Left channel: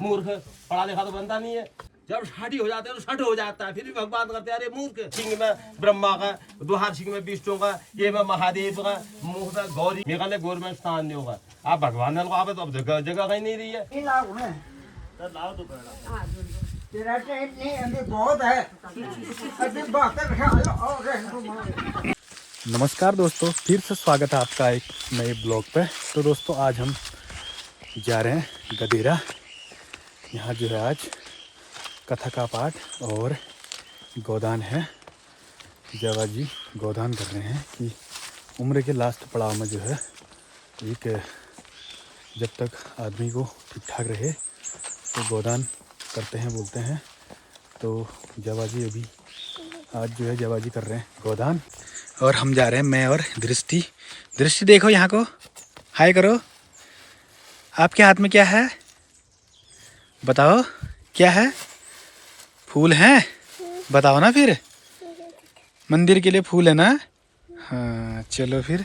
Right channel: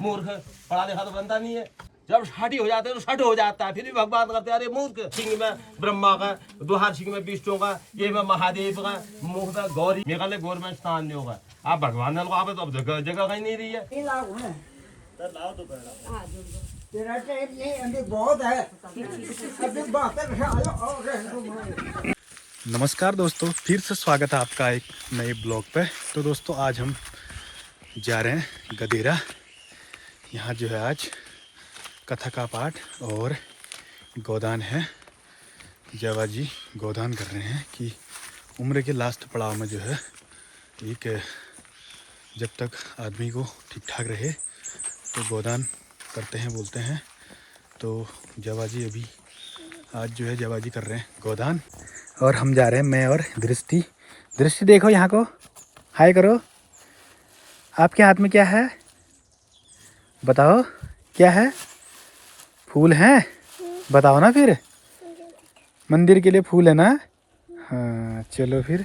मूर्ख, पढ़ा लिखा तो बनता नहीं है। जब शादी हो जाता है तो शट हो जाता है, फिर भी भगवान करते हैं अरे मूर्ख। सिंह में ब्रह्मा का, दोहार सिंह में विष्णु का, ये में महादेव का, मुख में गौरी, मेघालय गवर्नमेंट स्थान नहीं होगा। आप भगवान को आप तो अब जगह जगह कहीं नहीं रही है। तेरा टाइम नहीं, अभी बहुत है, अभी बहत्तर साल और है। नमस्कार दोस्तों, फिर से स्वागत है आपका एक नए ब्लॉग पे। तो दोस्तों आज हम जा रहे हैं गदेरा। यहाँ जो है आज कथा का पाठ और गोदान है। जवा जी गोदान कर रहे हैं कि उम्र के लास्ट पड़ाव में जो है एक जब तक आदमी को ठीक ठाक रहे तो गोदान करते हैं बोलते हैं। तो जवा जी अभी आज जो है जवा जी कर रहे हैं गोदान और हम जा रहे हैं, मैं और दृष्टि। दृष्टि देखो यहाँ को, हाय करो। आपके हाथ में क्या है बताओ, क्या है? फूल हैं? बताओ ना फिर। मंदिर के लिए फूल है ना? हाँ चलो फिर।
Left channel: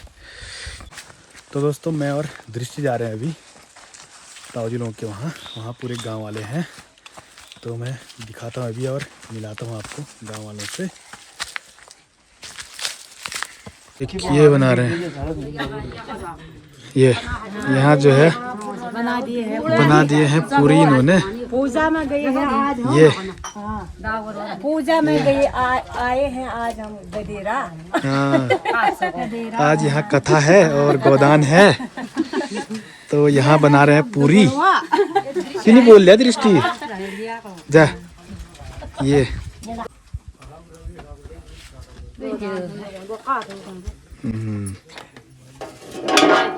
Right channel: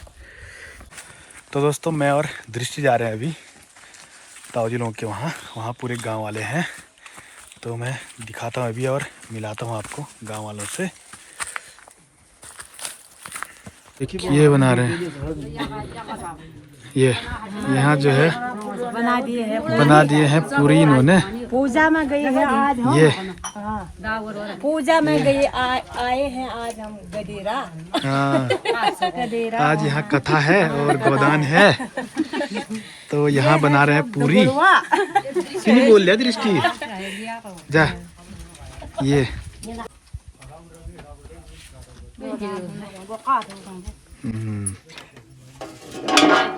तो दोस्तों मैं और दृष्टि जा रहे हैं अभी ताऊ जी लोगों के वहाँ पूरे गांव वाले हैं। तो मैं दिखाता हूँ अभी और मिलाता हूँ आपको गांव वालों से। ये बना रहे हैं, ये यहाँ जो है बना दिए हैं पूरी इन्होंने। पूजा में गए हैं आज, ये पूजा में गए आए हैं आज हम गदेरा। हाँ आज यहाँ कथा है और गोदान है तो यहाँ बना रहे हैं पूरी। नहीं बोल लिया दृष्टि जा। ये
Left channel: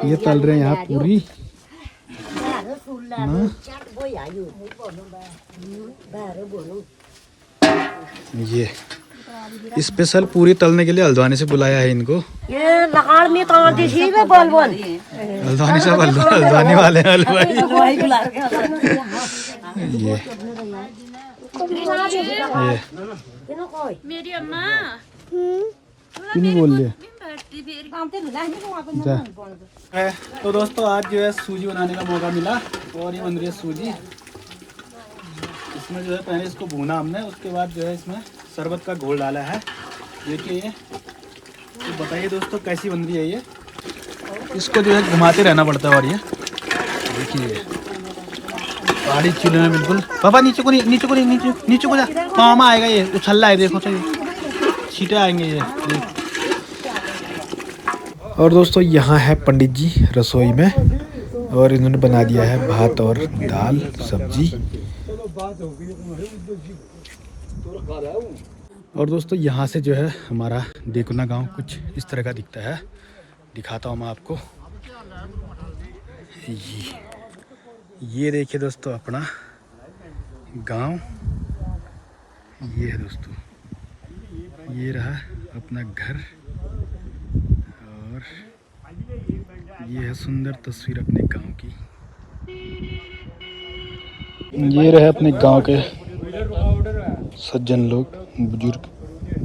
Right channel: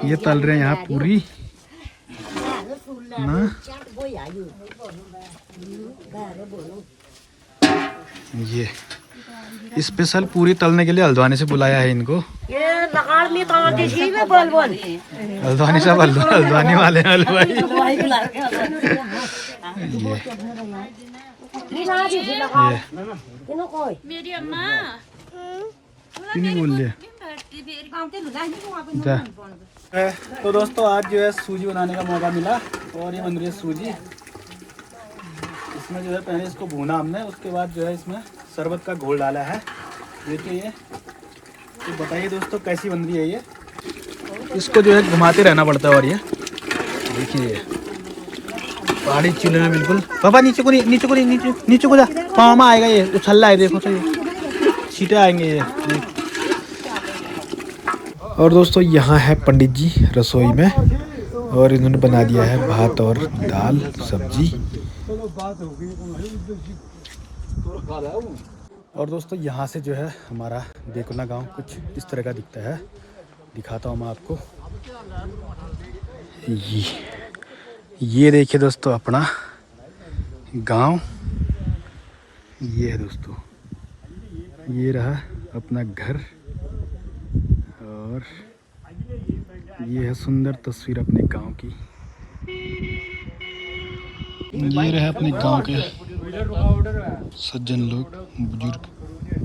ये तल रहे हैं यहाँ पूरी ना। ये स्पेशल पूरी तलने के लिए हल्द्वानी से बुलाया है इनको। हल्द्वानी से हल्द्वानी वाले हैं हलवाई। ये मेरी अम्मा नहीं बोल लिया जा। तो दोस्तों आज जो है सूजी बनाने का मौका मिला और ये बन रही है सूजी। इसमें जो है पहले इसको भूना हमने, उसके बाद जो है इसमें शरबत का घोल डाला है। देखिए ये, तो बताइए दोस्तों कैसी बन रही है ये। इसको जो है घुमाते रहना पड़ता है। और ये देखिए ये पहाड़ी चूल्हे में बिल्कुल। पापा नीचे को नहीं, नीचे को नहीं, नीचे को जा, पाँव में आएगा ये, उछल्ला है देखो तो ये छींटे आएंगे ये। और दोस्तों यहाँ है पंडित जी रसोई में और इन्होंने बना दिया है भात और दाल सब्जी। और दोस्तों यहाँ से जो है हमारा देखना गांव कुछ इस तरह का दिखता है। दिखाता हूँ मैं आपको। ये देखिए दोस्तों अपना गांव, ये है दोस्तों, ये रहा अपना घर और ये है सुंदर तस्वीर अपने गांव की। ये रहे अपने गांव के सज्जन लोग, बुजुर्ग,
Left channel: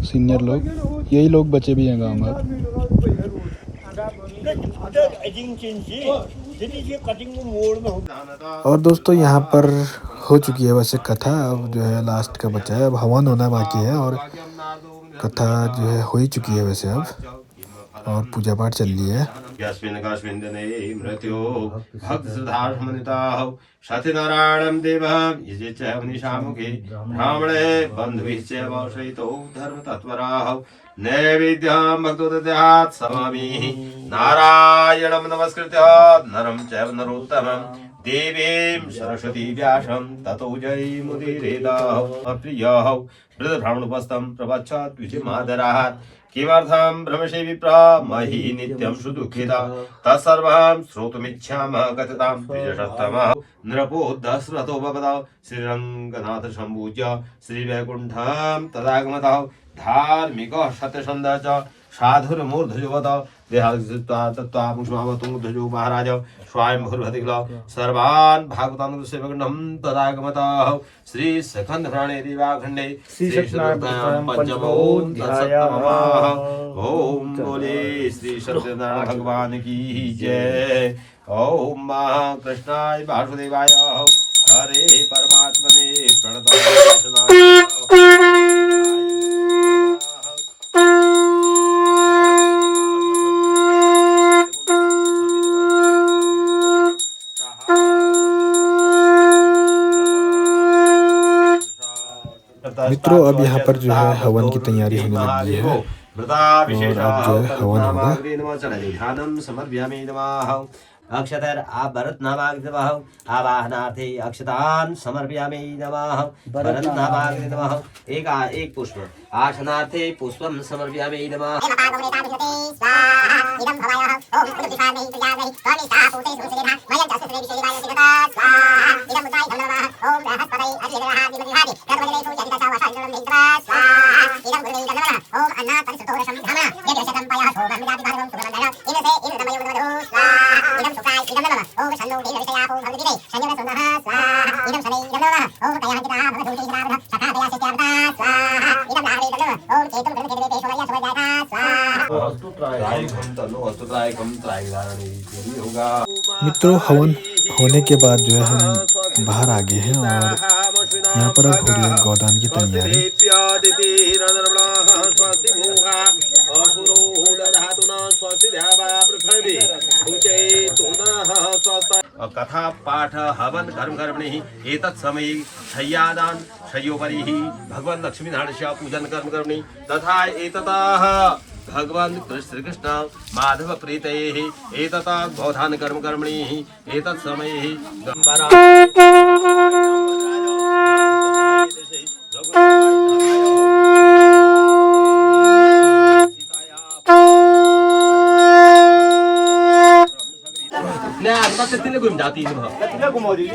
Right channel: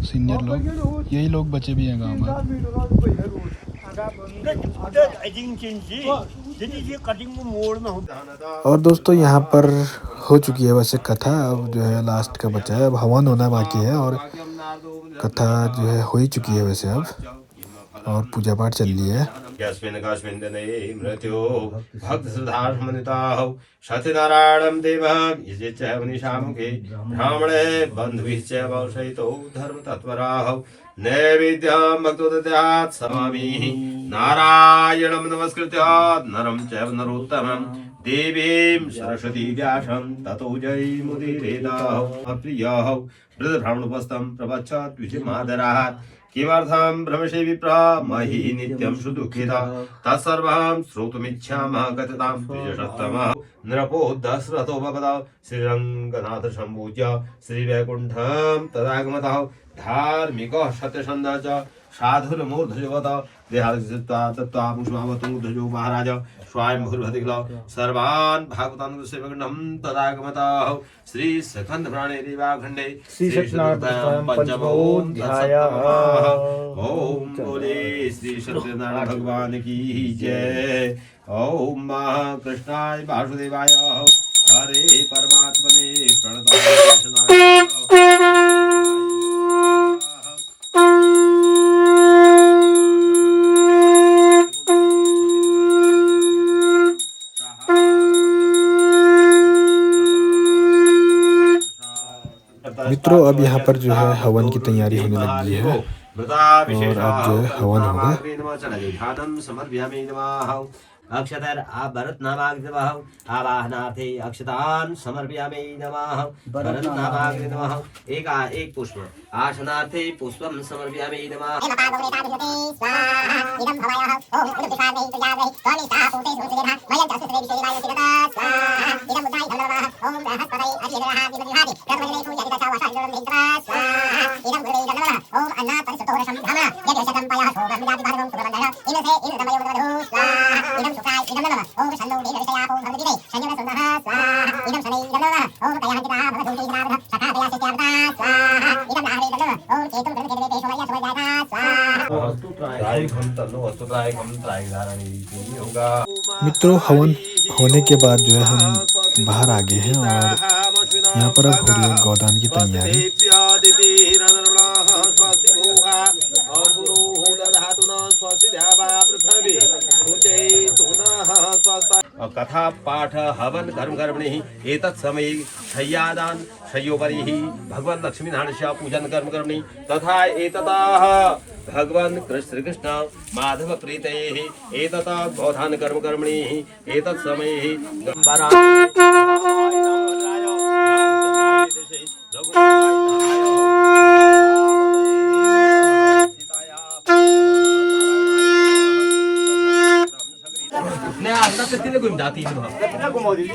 सीनियर लोग, यही लोग बचे भी हैं गांव में। और दोस्तों यहाँ पर हो चुकी है वैसे कथा, अब जो है लास्ट का बचा है, अब हवन होना बाकी है और कथा जो है हो ही चुकी है वैसे अब, और पूजा पाठ चल रही है। सत्यनारायणं देवं यजेच्च निशामुखे ब्राह्मणे बन्धुभिश्च वंशयितो धर्मतत्पराः नैवेद्यं भक्तो दद्यात् समामिः नारायणं नमस्कृत्य नरं चैव नरोत्तमं देवीं सरस्वती व्यासं ततो जयमुदीरयेत् प्रियः वृद्धब्राह्मणोपस्थं प्रवच्छत् विधिमादरात् किमर्थं ब्रह्मशे विप्रा मही नित्यं सुदुःखिता तत्सर्वं श्रोतुमिच्छामः कथतां द्विजसत्तमः नृपो दशरथो भवतः श्रीरङ्गनाथ सम्पूज्य श्रीवैकुण्ठं तदागमतः धार्मिकः सत्यसन्धः च साधुर्मूर्धजोवतः देहादित्वा तत्त्वा पुष्पावतूर्धजो महाराज स्वयं भूर्भतिग्ल सर्वान् भागवतान् सेवकण्डं तदागमतः श्री सखंड प्राणे दिवाखंडे श्री सत्यनारायण पंचमोऽध्याय। ओम बोले श्री सत्यनारायण भगवान की जय। ओम कृष्णाय वासुदेवाय हरे परमात्मने प्रणतः मित्रों, अब यहाँ पर जो है हवन की तैयारी होने लगी है और अब जो है हवन होगा। ध्यानं समर्पयामि नमः। अक्षतर आप भरत नामाग्नि नमः। आवाहनार्थे अक्षतान् समर्पयामि नमः। भरत नामाग्नि नमः। एक पुष्प आसनार्थे पुष्पं समर्पयामि नमः। मित्रों, हवन होने के बाद जो है हम बाहर आ गए हैं और यहाँ पर अब हो रही है गोदान की तैयारी। कथा पाठ हवन कर्म कर्मणि एतत् समय शय्यादान शय्योपरि भगवान लक्ष्मी नारायण पूजन कर्म कर्मणि तथा एततः भगवान श्री कृष्ण माधव प्रीते एतता गोधान कर्म कर्मणि एतत् समय तत्तीले घूम जाती है तत्तीले घुमा दी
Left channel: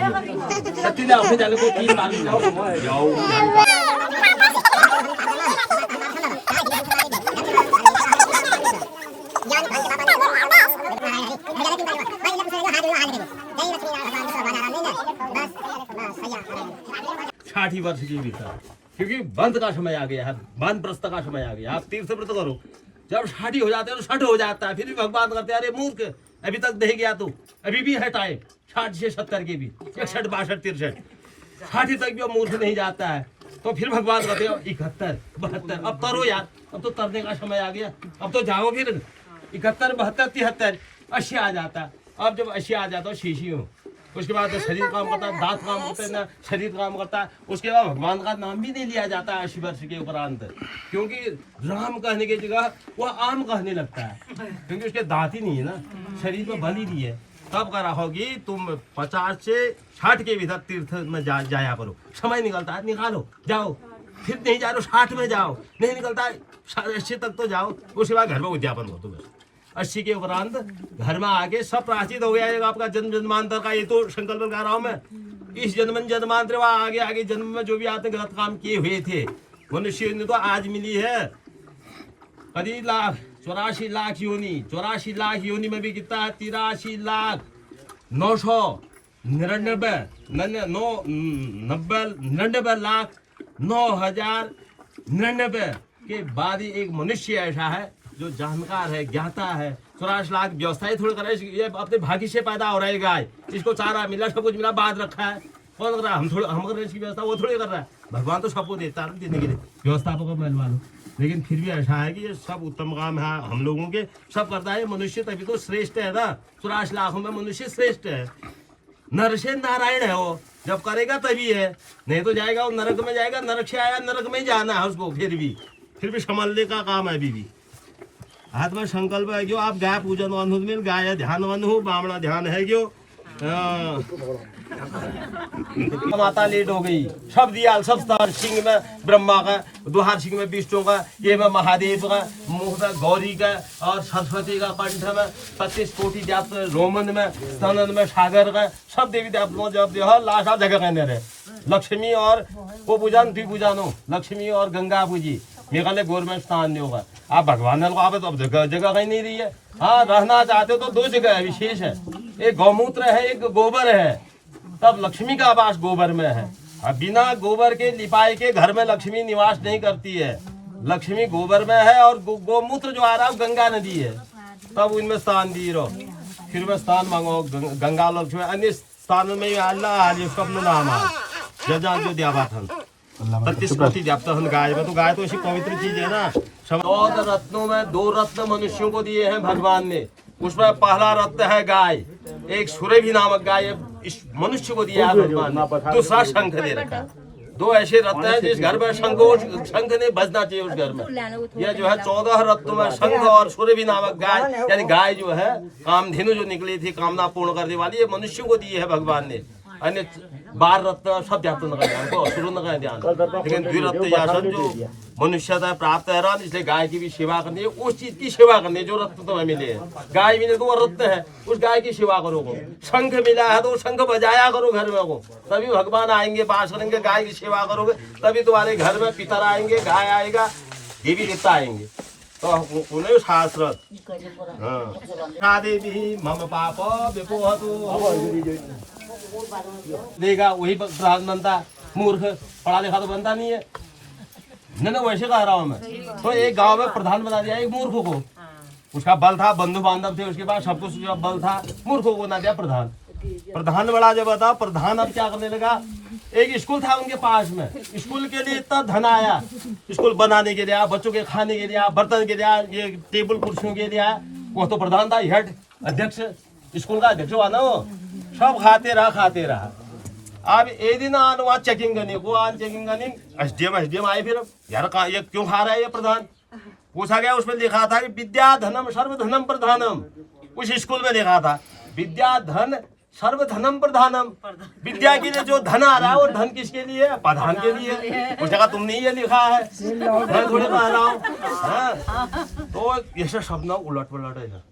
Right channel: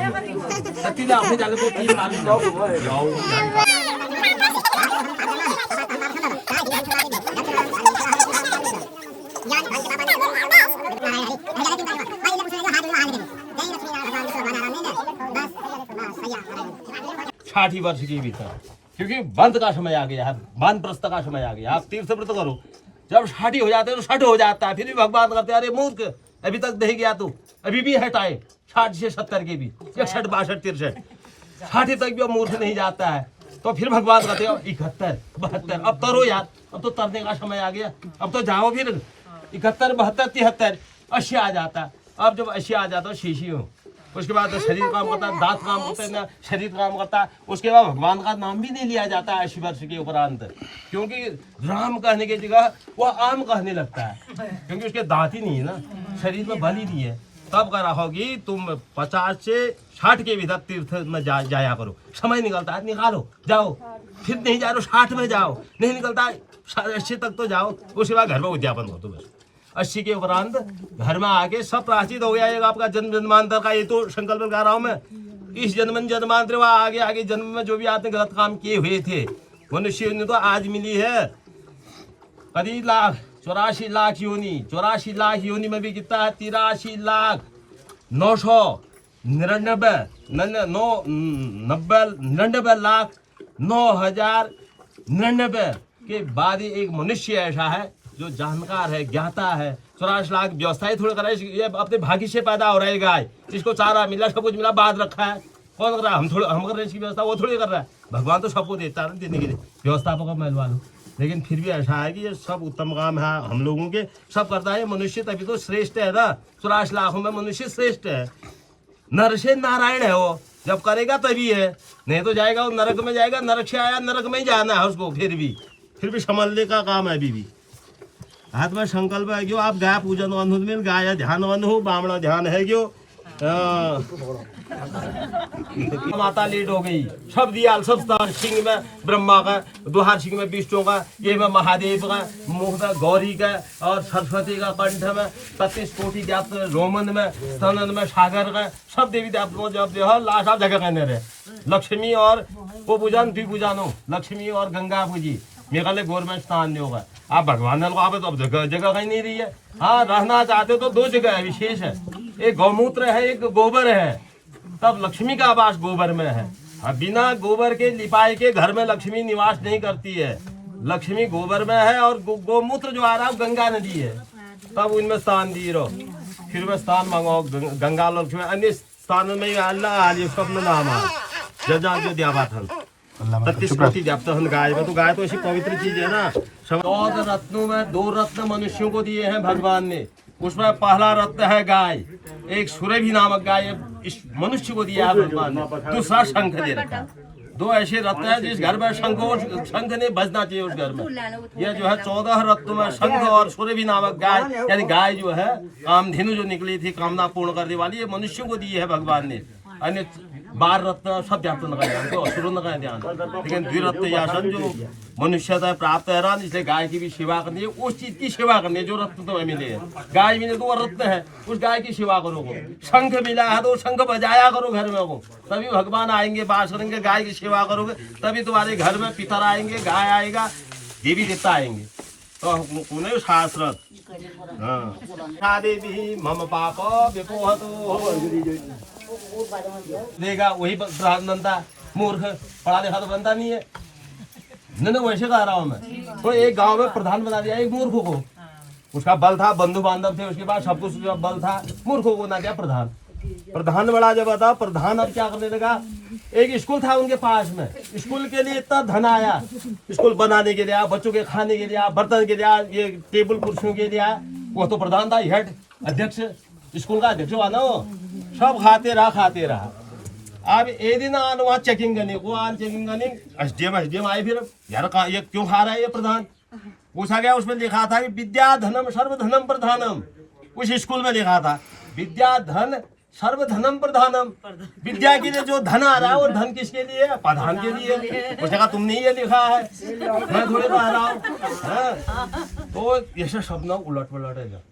तत्तीले अपने जाले को तीन मालूम जाओ साठी वर्ष के भीतर, क्योंकि बंद का समय आ गया है, बंद प्रस्थ का समय आ गया। आप तीर्थ व्रत करो, जब साठी हो जाते हैं तो 60 हो जाता है, फिर भी भगवान करते हैं अरे मूर्ख अभी तक नहीं गया तू, अभी भी है टाइम 60 से 70 के भी 61 62 63 60 तक भी मूर्ख नहीं जाता है। तो फिर भगवान कहते हैं 71 72 अब तरो यार, अब तो तरने का समय आ गया, अब तो जाओ फिर 71 72 73 80 आ जाता। अब जब 80 आ जाता शीशी हो, उसके बाद तो शरीर काम करता है, दांत काम करते हैं ना, शरीर काम करता है, उसके बाद भगवान का नाम भी नहीं लिया जाता है 80 वर्ष के उपरांत, क्योंकि राम कहने की जगह वो आम कहने लगता है, क्योंकि उसके दांत ही नहीं है ना, शरीर में बल ही नहीं है। तब कह रहा होगी तुम 50 से 60 के भीतर तीर्थ में जाया करो, समय निकलता है निकालो जाओ, फिर नहीं जा रहे 60 में जाओ, नहीं निकलता है 80 तक तो जाओ, उसके बाद घर में उद्यापन हो। तो बस 80 के उपरांत घर में आके सब प्राचित हो गया है आपका जन्म जन्मांतर का। ये तो संकल्प लगा रहा हूँ मैं, इस जन्म जन्मांतर व आगे आगे जन्म में जो भी आपने गलत काम किए हुए थे मनुष्य ने तो आज मिली है करीब 84 लाख योनि, 84 लाख योनि में भी कितना है 83 लाख 99 लाख 9,099 के बाद ही एक मनुष्य ऐसा है जो जानकार है, ज्ञाता है। 84 लाख व्यवस्थाएं थोड़ी कर रहा है, ये अपने भाग्य से पैदा हो रहा है गाय, इसको चारा मिला सब कुछ मिला बाद रखा है, कौन कर रहा है? हम कर रहे हैं इसकी व्यवस्था, वो थोड़ी कर रहा है। भगवान तो सबको देता है देने के लिए, व्यवस्थापक को मैं लो, लेकिन फिर भी ऐसा है कि ये सब उत्तम काम है हम लोगों के, सब करता है मनुष्य, तभी तो श्रेष्ठ है ना। 84 लाखों में मनुष्य श्रेष्ठ है, नर से नारायण है वो, जब करेगा तभी है, नहीं तो जाएगा वो नरक में जाएगा, नरक से आया नरक में ही जाना है उसको, फिर भी संभालने का काम है। अभी भी हाथ में संकल्प है क्यों आप गाय पूजन में गाय ध्यान हो, बामणा ध्यान है क्यों माता लेट हो गई, सब दिया सब स्थान, सिंह में ब्रह्मा का, दुहार सिंह में विष्णु का, ये में महादेव का, मुख में गौरी का और सरस्वती का, कंठ में 33 कोटि जात, रोमन में स्तनन में सागर का, सब देवी देवताओं जब देव लास्ट आप जगह कहने रहे लक्ष्मी और वो पूजन द्विपूजन हो, लक्ष्मी और गंगा पूजी मेघालय गवर्नमेंट स्थान नहीं होगा। आप भगवान को आप तो जगह कहीं नहीं रही है। हाँ रहना चाहते तो 2 जगह है विशेष है, एक गौमूत्र है एक गोबर है, तब लक्ष्मी का आवास गोबर में है। अब बिना गोबर के लिपाई के घर में लक्ष्मी निवास नहीं करती है, लक्ष्मी गोबर में है और गोमूत्र जो आ रहा है गंगा नदी है, तब उनमें स्थान दी रहो, फिर में स्थान मांगो गंगा लक्ष्मी अन्य स्थान में अल्लाह आली उसका अपना नाम है जजा जो द्यावाथन 33 कोटि द्याप्तहन गाय में। तो गाय तो ऐसी पवित्र चीज है ना। 14 रत्नों में 2 रत्न मनुष्यों को दिए हैं भगवान ने। उसमें पहला रत्न है गाय, एक सुरभि नामक गाय इस मनुष्य को दिया है भगवान ने। दूसरा शंख दे रखा है। 2 ऐसे रत्न हैं जिस घर में शंख नहीं बजना चाहिए उस घर में। यह जो है 14 रत्नों में शंख और सुरभि नामक गाय, यानी गाय जो है कामधेनु जो निकली थी कामना पूर्ण करने वाली, ये मनुष्य को दी है भगवान ने। अन्य 12 रत्न सब ध्यान न करें, हमको असुर न करें ध्यान, लेकिन द्विरत्न यासन जो मनुष्यता प्राप्त है ना, इसलिए गाय की भी सेवा करनी है। उस चीज की सेवा करनी है जो रत्न तुम्हें मिले हैं। गाय मिले तो वो रत्न है, उस गाय की सेवा करोगे। शंख मिला है तो शंख बजाया करो घर में को, तभी भगवान आएंगे बास करेंगे। गाय की सेवा करोगे तभी तुम्हारे घर में पितर आएंगे, गाय आएगा, देवी देवता आएंगे। तो उन्हें शास्त्र हाँ देवी मम पाप विपोहतु देगा, वही प्रधान बनता। मूर्ख पढ़ा लिखा तो बनता नहीं है। नहीं वैसे कह रहा हूँ मैं। तो एक गांव में प्रधान बना दिया एक मूर्ख को। उसका बल था, बंधु बांधव थे, उसके बाद सब कुछ बल था, मूर्ख को बना दिया प्रधान। प्रधान बड़ा जब बता, प्रधान अब क्या करने लगा, एक स्कूल था उनके पास में, स्कूल के लिए इतना धन आया, स्कूल बनाने के लिए, बच्चों के खाने के लिए, बर्तन के लिए, ये टेबल कुर्सियों के लिए। वो तो प्रधान था, हेड अध्यक्ष, स्कूल का अध्यक्ष हुआ ना वो। सब खाते रहा। अब एक दिन आन वहाँ चेकिंग करने को, चेकिंग करने एसडीएम आए। फिर यार ये क्यों खा रहा है ये प्रधान, पूछा गया। उसमें लिखा था कि विद्या धनम सर्वधनम प्रधानम। उस स्कूल में लिखा था विद्या धन सर्वधनम प्रधानम। विद्या के लिए जो धन आ रहा है वो धन किसके लिए है, प्रधान के लिए। उसने कहा तुमने ये लिखा है, मैं थोड़े कह रहा हूँ। तो ये शब्द उलट पलट है।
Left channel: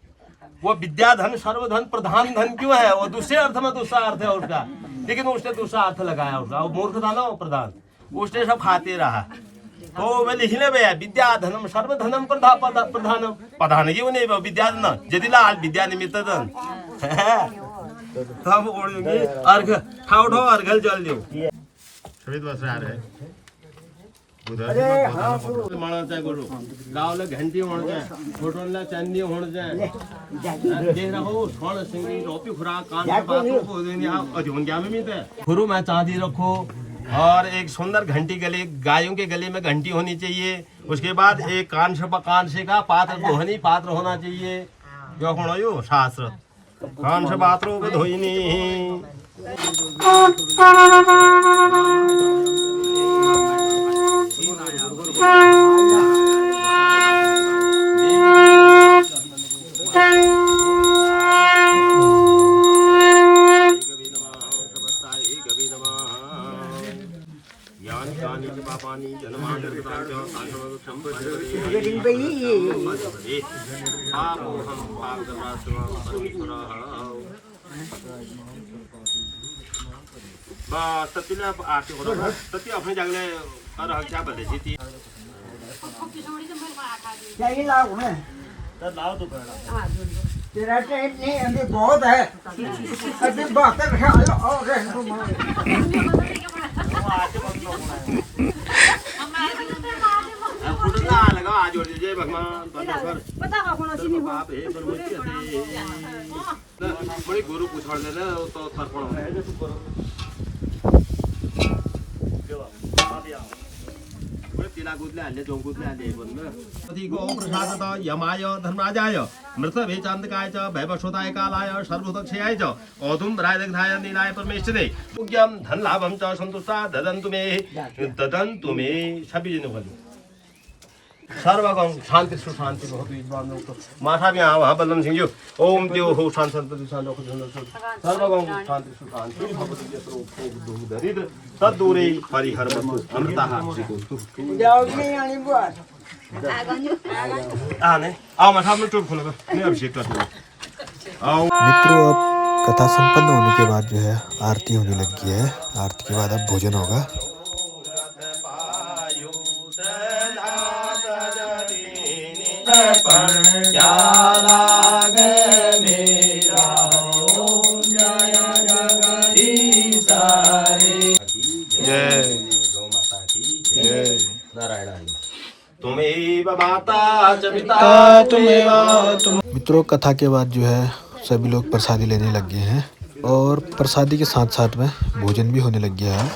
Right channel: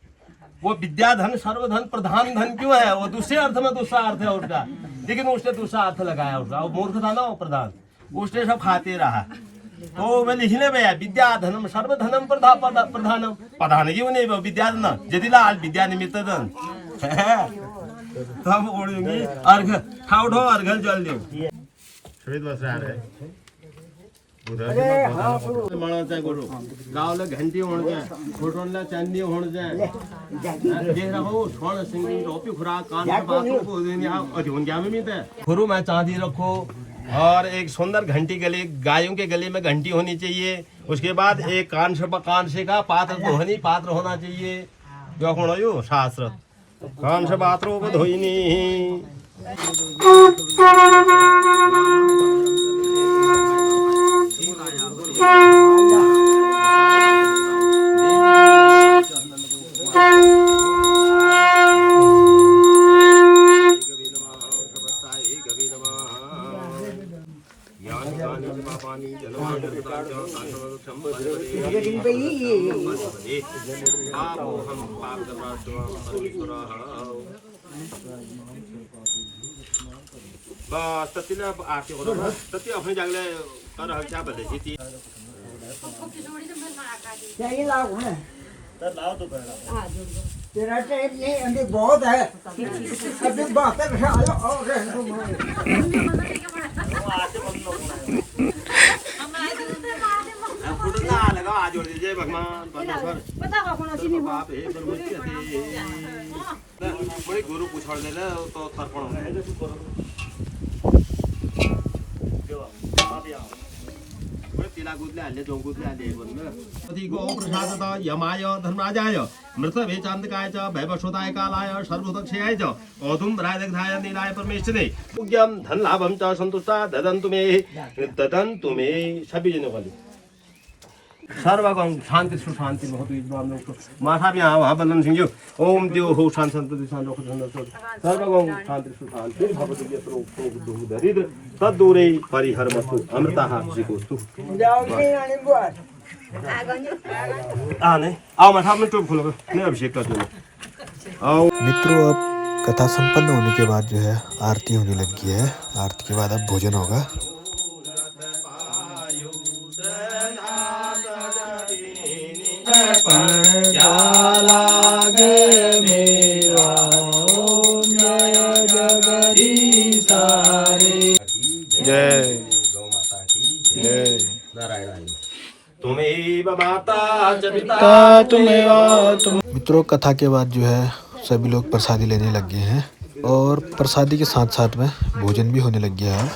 वो विद्या धन सर्वधन प्रधान धन क्यों है, वो दूसरे अर्थ में दूसरा अर्थ है उसका, लेकिन उसने दूसरा अर्थ लगाया उसका। वो मूर्ख था ना वो प्रधान, उसने सब खाते रहा। तो मैं लिखने में विद्या धनम सर्वधनम प्रधानम। प्रधान क्यों नहीं विद्या धन यदि लाल विद्या निमित्त धन तब ओढ़ेंगे अर्घ ठाव अर्घल जल दो। अरे हाँ गुरु गावले घंटी होण जाए, फोटोला चांदी होण जाए, देख रहो स्वर्ण सिंगी रोपी खुराक कान से बातों को देने अजून क्या में मिलते हैं। गुरु में चांदी रखो और एक सुंदर घंटी गले, गायों के गले में घंटी होनी चाहिए। उसके बाद एक कान से का पात्र धोनी पात्र होना चाहिए। जो कौन हो शास्त्र कान से पात्रों को धोइनी। बस तत्ती आते हो तत्ती अपने जगले कर क्या बदले जीती चाहिए लाओ है लाओ तो तेरा टाइम नहीं अभी बहुत है। अभी बात खा लो और रहने फुटना लगा आज जोड़ दीजिए भगवान परमेश्वर। बताओ कौन सी नहीं बाप हे परमेश्वर बड़ी गुरु पूछड़ दे ना तो तर्पण तिला गुदले आले जो गुदले आले बोल अति गो प्रसादता यमाय धर्मराजाय मृत वेचांतकाय च वैवस्वताय कालाय सर्वदक्षयाय च औधुम रायदग्धाय नीलाय परमेश्वरे उग्यम धन लाभम च संतुष्टा ददन्तु मे सभी जन वाली सर्वगं शांति सुशांति भवतु इद्वान माथा भी वहाँ बल्लम सिंह जी ओम देव हो शांत संतति शांत सर्वगं शांति सुशांति भवतु ये दरिद्र तद्दूरे परिहरवतु अमृतः जिकोस्तु जाओ नहीं आने बात आने आओ मैं सामने चुप खोलो मैं अभिषेक कर दूँ आओ मित्रों अब कथा संपन्न होने के बाद जो है आरती होने लगी है। आरती के बाद अब भोजन होगा। जय जय नारायण तुम्हें मित्रों कथा के बाद जो है सभी लोग प्रसादी लेने लग गए हैं। और प्रसादी के साथ साथ में भोजन भी होने लग गया है।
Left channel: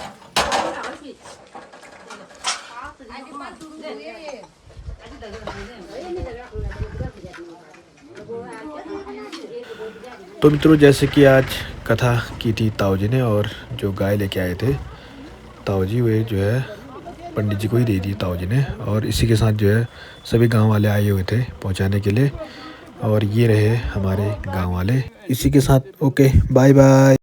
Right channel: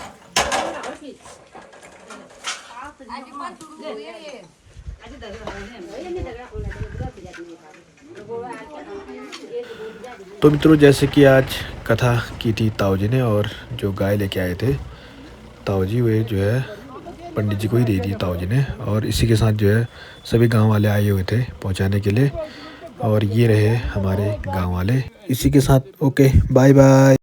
तो मित्रों, जैसे कि आज कथा की थी ताऊ जी ने, और जो गाय लेके आए थे ताऊ जी, वे जो है पंडित जी को ही दे दी ताऊ जी ने। और इसी के साथ जो है सभी गांव वाले आए हुए थे पहुंचाने के लिए। और ये रहे हमारे गांव वाले। इसी के साथ ओके, बाय बाय।